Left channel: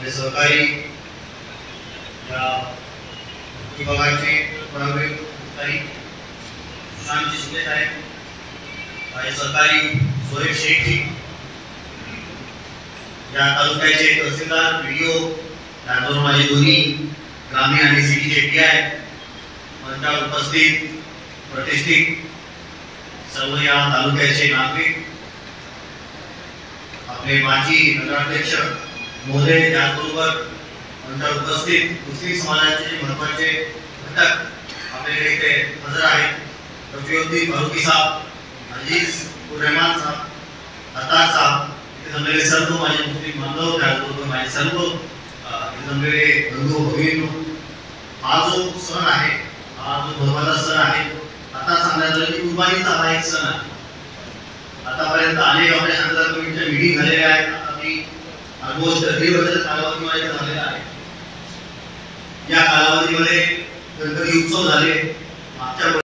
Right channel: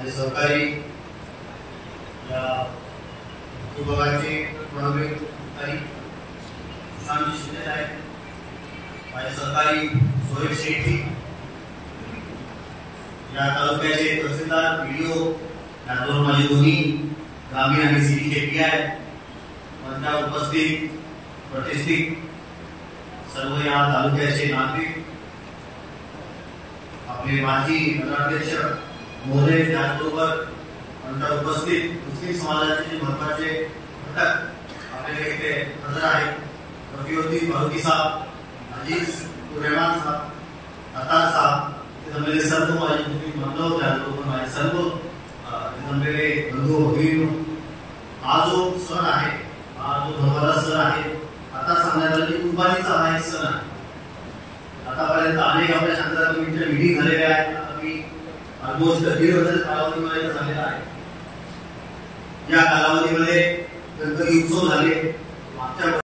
आणि सहकारी या विभागाचे प्रभारी अधिकारी शांत शिंदे साहेब, माझे सहकारी सोहेब शेखजी, या तालुक्याचे तहसीलदार, व्हिडिओ, त्याचबरोबर माझे दोन्ही ग्रामीण आणि सिटीचे PI, मंचावर उपस्थित प्रतिष्ठित सर्व या तालुक्याचे नागरिक, आपले माजी नगराध्यक्ष महोदय, त्याचबरोबर मंचावर उपस्थित मुस्लिम समाजाचे महत्वाचे घटक आपल्याकडे इथे हजर आहेत. रफीउद्दीन फारुकी साहब, अजीज रहमान साहब, अतार साहब, इथे जमलेले सर्व माझे मुस्लिम बांधव, त्याचबरोबर माझे सर्व जमलेले बंधू भगिनी, हा जो सण आहे, हा जो धर्माचा सण आहे, आता सांगण्यात आलं की कुर्बानीचा हा एक सण आहे. आतापर्यंत अनेक आपल्या शांतता कमिटीच्या मीटिंग झालेल्या आहेत. आता मी ऑलमोस्ट 1.5 वर्षाच्या कालावधीमध्ये झालेला आहे. या कालावधीमध्ये गणपती उत्सव झाले. मागच्या